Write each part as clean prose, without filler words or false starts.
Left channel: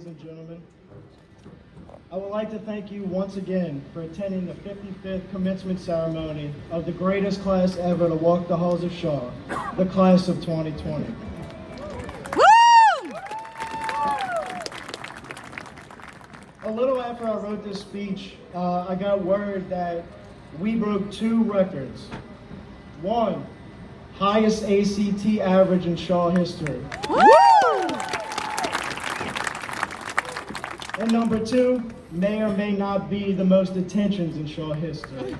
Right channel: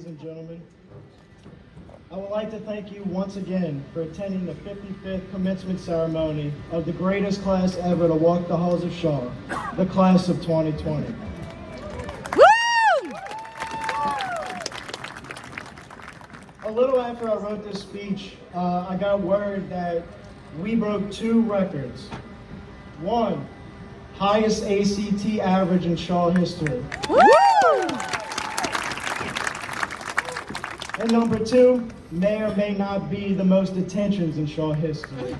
ladies and gentlemen. I would like to thank you once again for attending the 55th commencement ceremony of the greatest class ever to walk the halls of Shaw, the class of 2020. Woo! A little after I wrote this speech, I got word that we broke 2 records. 1, highest ACT average in Shaw history. Woo! And number 2, may or may not be the most attentions in Shaw history.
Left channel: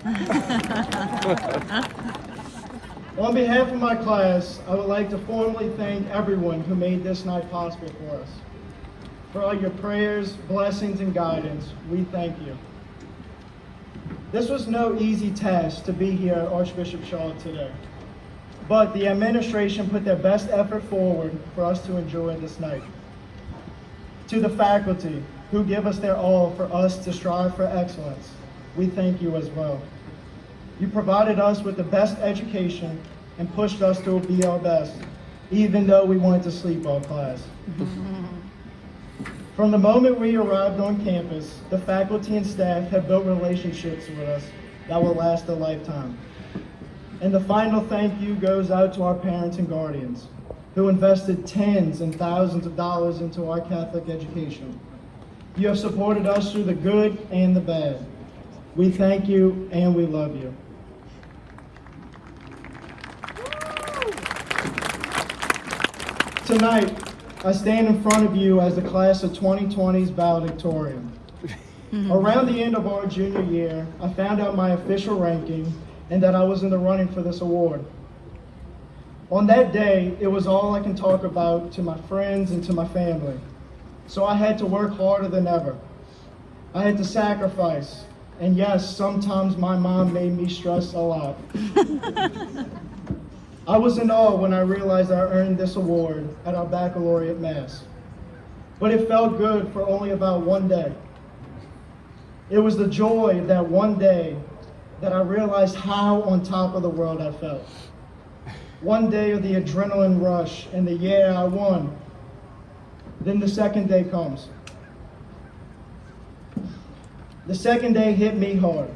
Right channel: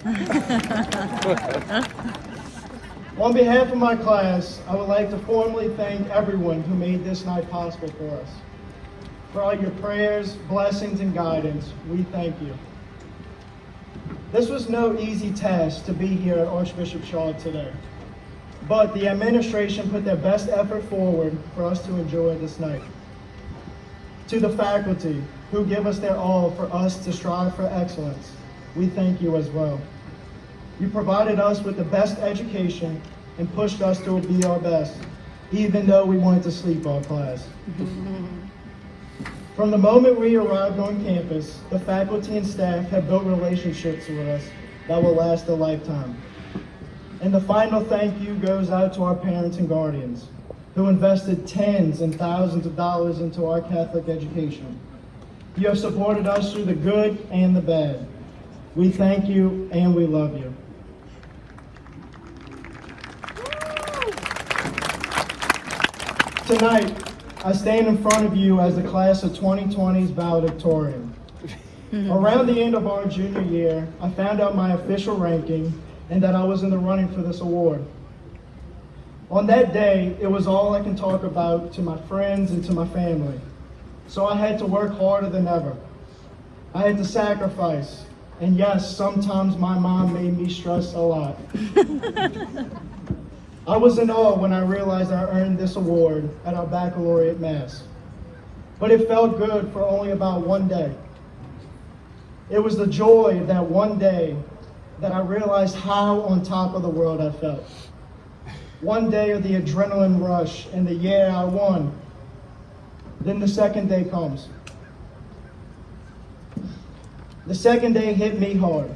On behalf of my class, I would like to formally thank everyone who made this night possible for us. For all your prayers, blessings, and guidance, we thank you. This was no easy task to be here at Archbishop Shaw today, but the administration put their best effort forward for us to enjoy this night. To the faculty, who give us their all for us to strive for excellence, we thank you as well. You provided us with the best education and pushed us to be our best, even though we wanted to sleep all class. From the moment we arrived on campus, the faculty and staff have built relationships with us that will last a lifetime. And the final thank you goes out to our parents and guardians, who invested tens and thousands of dollars into our Catholic education. You have supported us through the good and the bad. We thank you and we love you. Tonight, I stand in front of you as the class of 2020's valedictorian. Around the end of our junior year, I found out my official ranking and that I was in the running for this award. On that day, it was all I can talk about to my friends and to my family. So I had to work harder than ever. I had to sacrifice. And yes, sometimes my mom made me stress a lot. I was in awe when I realized I earned this award at our baccalaureate mass. But it felt good for only about one day. It was the joy of that one day that I realized how on top of the world I felt. One day of the adrenaline rush and the yeah, I won. Then the second day comes. The second day hit me hard.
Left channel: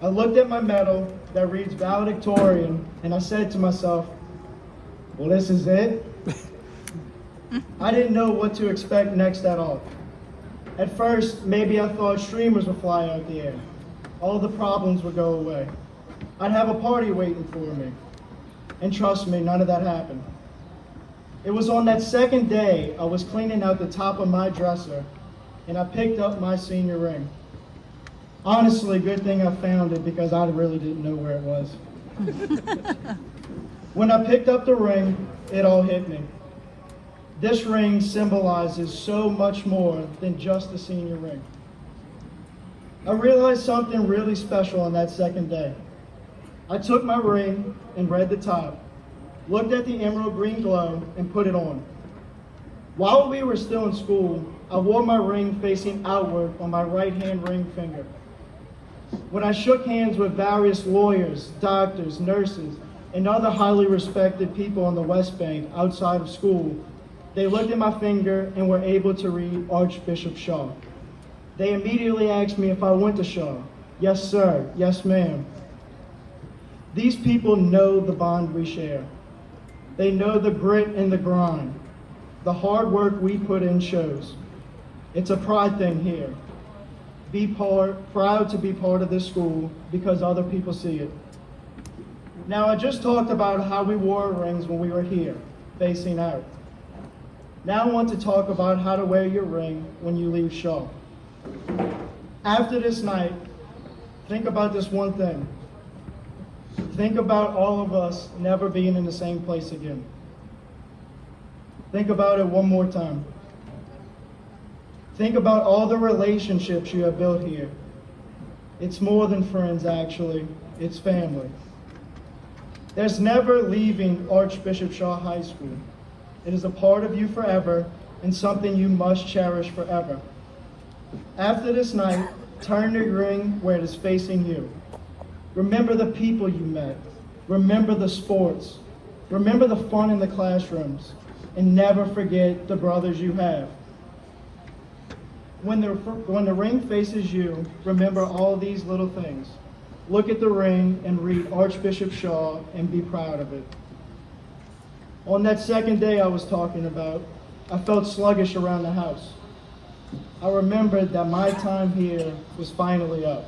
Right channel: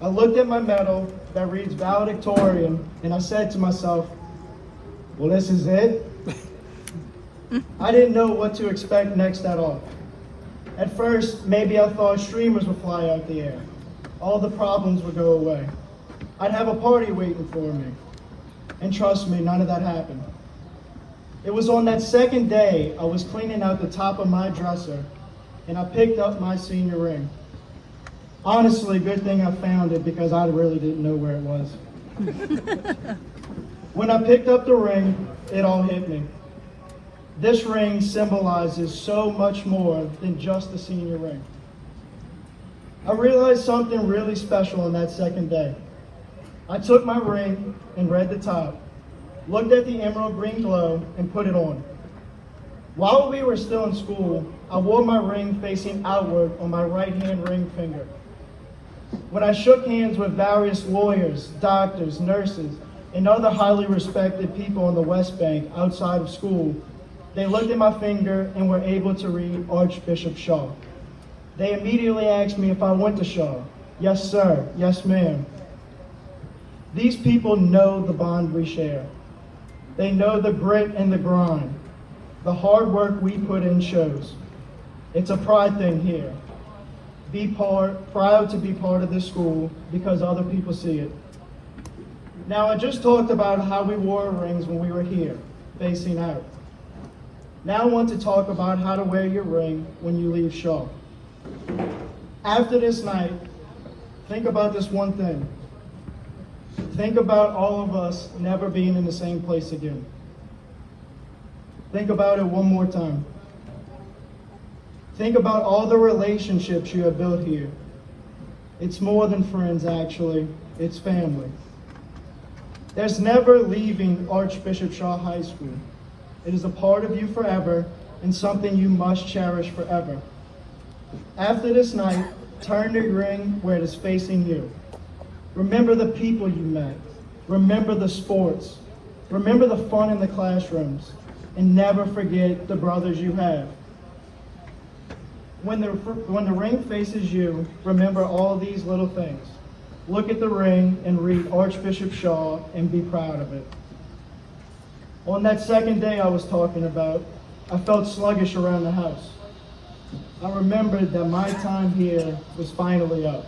I looked at my medal that reads Valedictorian, and I said to myself, well, this is it? I didn't know what to expect next at all. At first, maybe I thought streamers would fly out the air. All the problems would go away. I'd have a party waiting for me. And trust me, none of that happened. It was on that second day I was cleaning out the top of my dresser and I picked up my senior ring. Honestly, good thing I found it because I really didn't know where it was. When I picked up the ring, it all hit me. This ring symbolizes so much more than just the senior ring. I realized something really special on that second day. I took my ring and read the top, looked at the emerald green glow, and put it on. While we were still in school, I wore my ring facing outward on my right-hand ring finger. When I shook hands with various lawyers, doctors, nurses, and other highly respected people on the West Bank outside of school, they looked at my finger and were able to read Archbishop Shaw. They immediately asked me if I went to Shaw. Yes, sir. Yes, ma'am. These people know the bond we share. They know the grit and the grind. The hard work we put in shows. It's a pride thing here. Proud to be part of this school because other people see it. Now, I just talked about how we wore rings when we were here, facing out. Now I want to talk about how to wear your ring when you leave Shaw. After this night, think about this one thing. Think about all of us never being in the same place again. Think about it one more time. Think about all the relationships you have built here. It's more than friends, actually. It's family. There's never leaving Archbishop Shaw High School. It is a part of you forever and something you must cherish forever. After this night, turn your ring where it is facing you. Remember the people you met. Remember the sports. Remember the fun in the classrooms. And never forget the brothers you have. When the ring faces you, remember all these little things. Look at the ring and read Archbishop Shaw and be proud of it. On that second day I was talking about, I felt sluggish around the house. I remembered that my time here was finally up.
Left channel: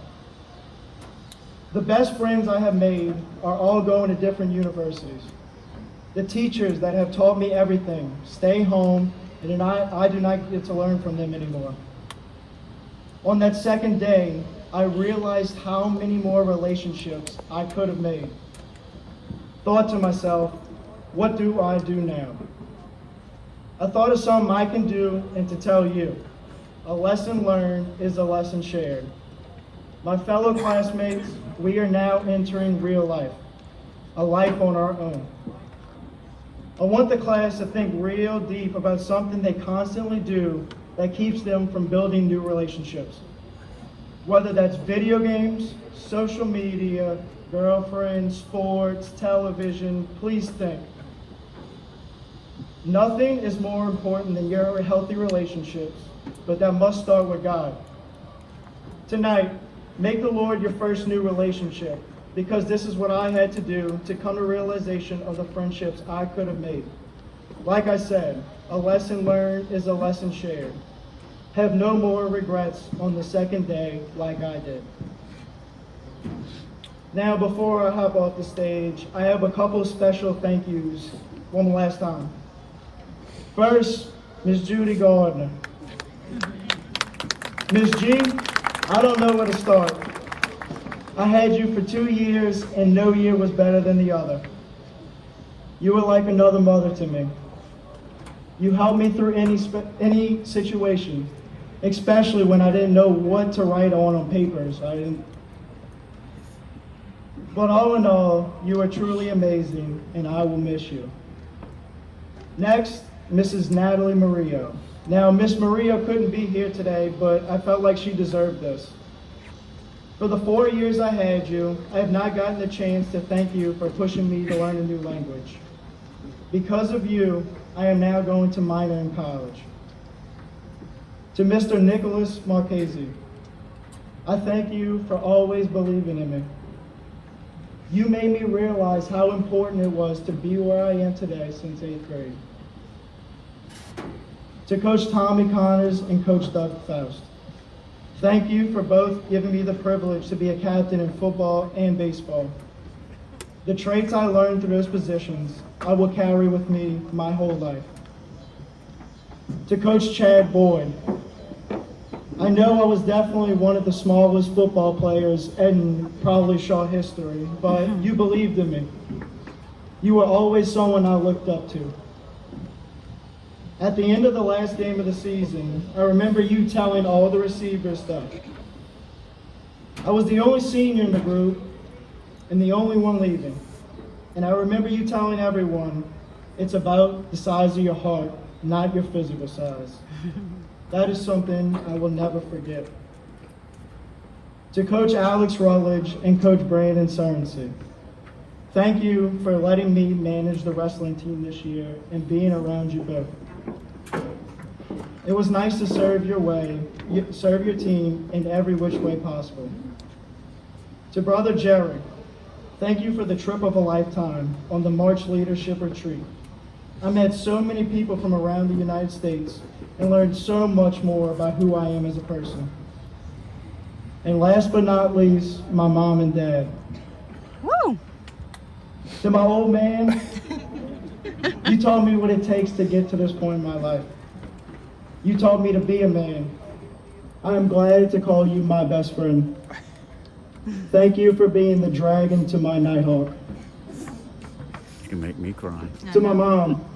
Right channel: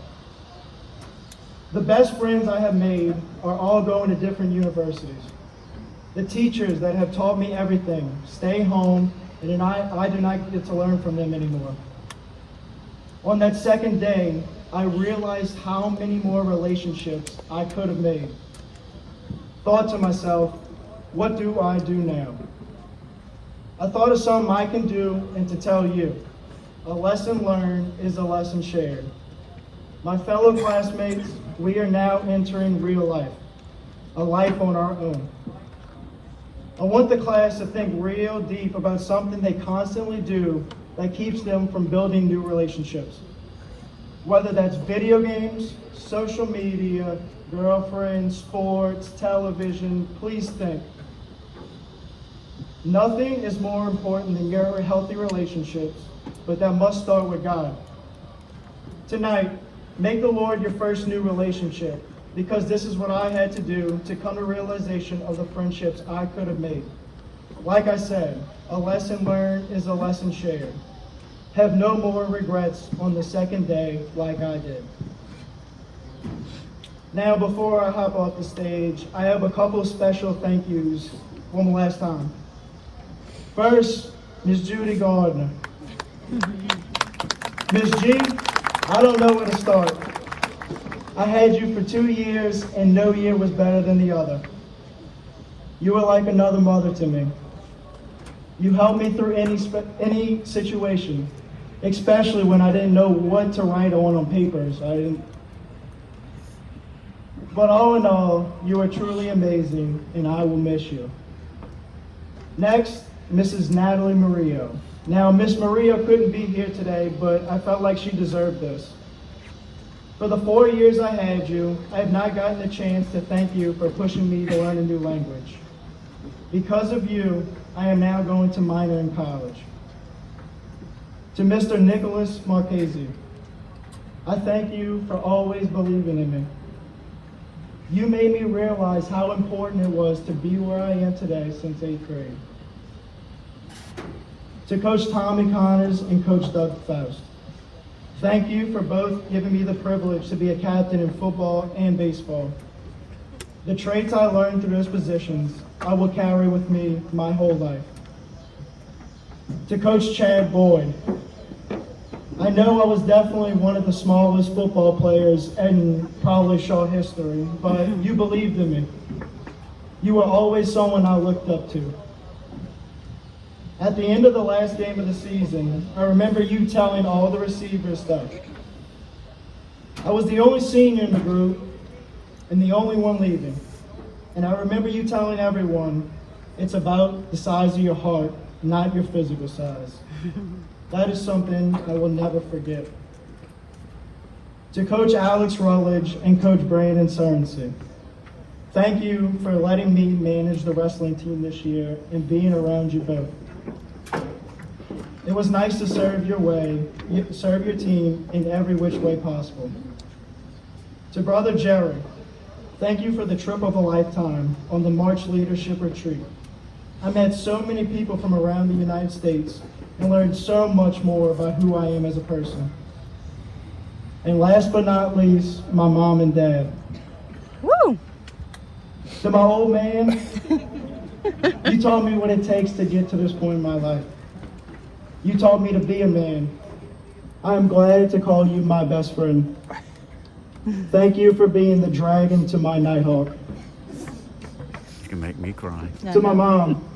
The best friends I have made are all going to different universities. The teachers that have taught me everything, staying home, and I do not get to learn from them anymore. On that second day, I realized how many more relationships I could have made. Thought to myself, what do I do now? I thought of something I can do and to tell you. A lesson learned is a lesson shared. My fellow classmates, we are now entering real life, a life on our own. I want the class to think real deep about something they constantly do that keeps them from building new relationships. Whether that's video games, social media, girlfriends, sports, television, please think. Nothing is more important than your healthy relationships, but that must start with God. Tonight, make the Lord your first new relationship, because this is what I had to do to come to realization of the friendships I could have made. Like I said, a lesson learned is a lesson shared. Have no more regrets on the second day like I did. Now, before I hop off the stage, I have a couple of special thank yous one last time. First, Ms. Judy Gardner. Ms. G, I don't know where to start. I had you for 2 years and no year was better than the other. You were like another mother to me. You helped me through any situation, especially when I didn't know what to write on papers. But all in all, you are truly amazing and I will miss you. Next, Mrs. Natalie Murillo. Now, Miss Murillo couldn't be here today, but I felt like she deserved this. For the 4 years I had you, I have not gotten the chance to thank you for pushing me to learn a new language. Because of you, I am now going to minor in college. To Mr. Nicholas Marchese, I thank you for always believing in me. You made me realize how important it was to be where I am today since 8th grade. To Coach Tommy Connors and Coach Doug Faust, thank you for both giving me the privilege to be a captain in football and baseball. The traits I learned through those positions, I will carry with me my whole life. To Coach Chad Boyd, I know I was definitely one of the smallest football players in probably Shaw history, but you believed in me. You were always someone I looked up to. At the end of the last game of the season, I remember you telling all the receivers stuff. I was the only senior in the group and the only one leaving. And I remember you telling everyone, it's about the size of your heart, not your physical size. That is something I will never forget. To Coach Alex Rutledge and Coach Brandon Sorensen, thank you for letting me manage the wrestling team this year and being around you both. It was nice to serve your team in every which way possible. To Brother Jerry, thank you for the trip of a lifetime on the March Leadership Retreat. I met so many people from around the United States and learned so much more about who I am as a person. And last but not least, my mom and dad. Woo! To my old man, you taught me what it takes to get to this point in my life. You taught me to be a man. I am glad to call you my best friend. Thank you for being the dragon to my Nighthawk. You make me cry. To my mom,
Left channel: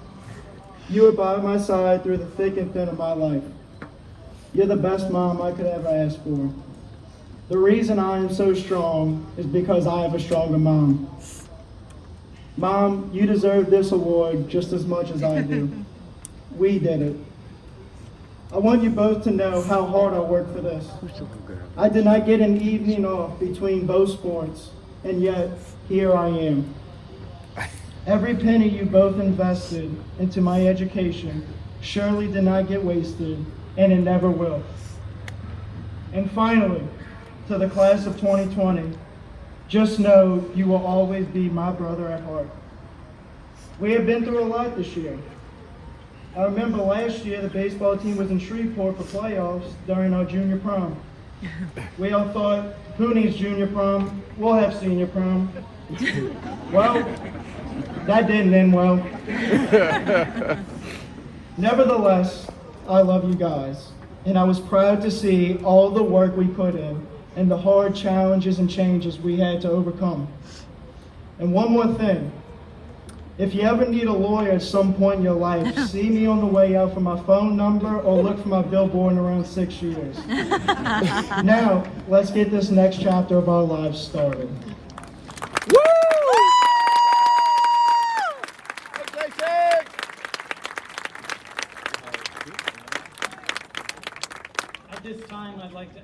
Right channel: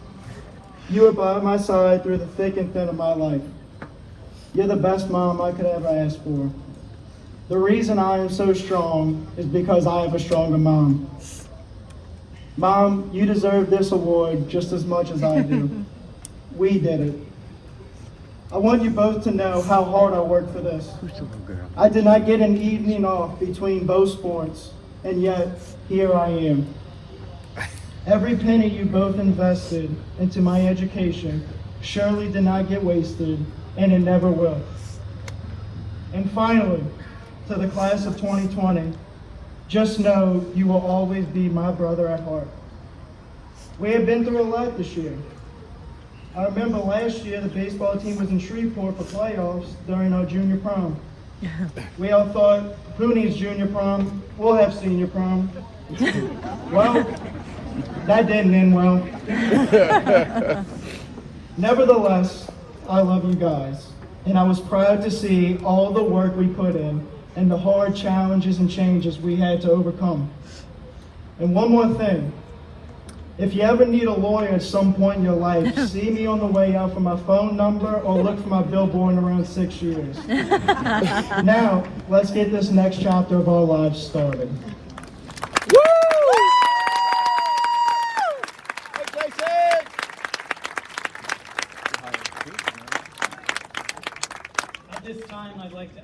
you were by my side through the thick and thin of my life. You're the best mom I could ever ask for. The reason I am so strong is because I have a stronger mom. Mom, you deserve this award just as much as I do. We did it. I want you both to know how hard I worked for this. I did not get an evening off between both sports, and yet here I am. Every penny you both invested into my education surely did not get wasted, and it never will. And finally, to the class of 2020, just know you will always be my brother at heart. We have been through a lot this year. I remember last year the baseball team was in Shreveport for playoffs during our junior prom. We all thought, who needs junior prom? We'll have senior prom. Well, that didn't end well. Nevertheless, I love you guys, and I was proud to see all the work we put in and the hard challenges and changes we had to overcome. And one more thing. If you ever need a lawyer at some point in your life, see me on the way out for my phone number or look for my billboard in around 6 shooters. Now, let's get this next chapter of our lives started. At this time, I'd like to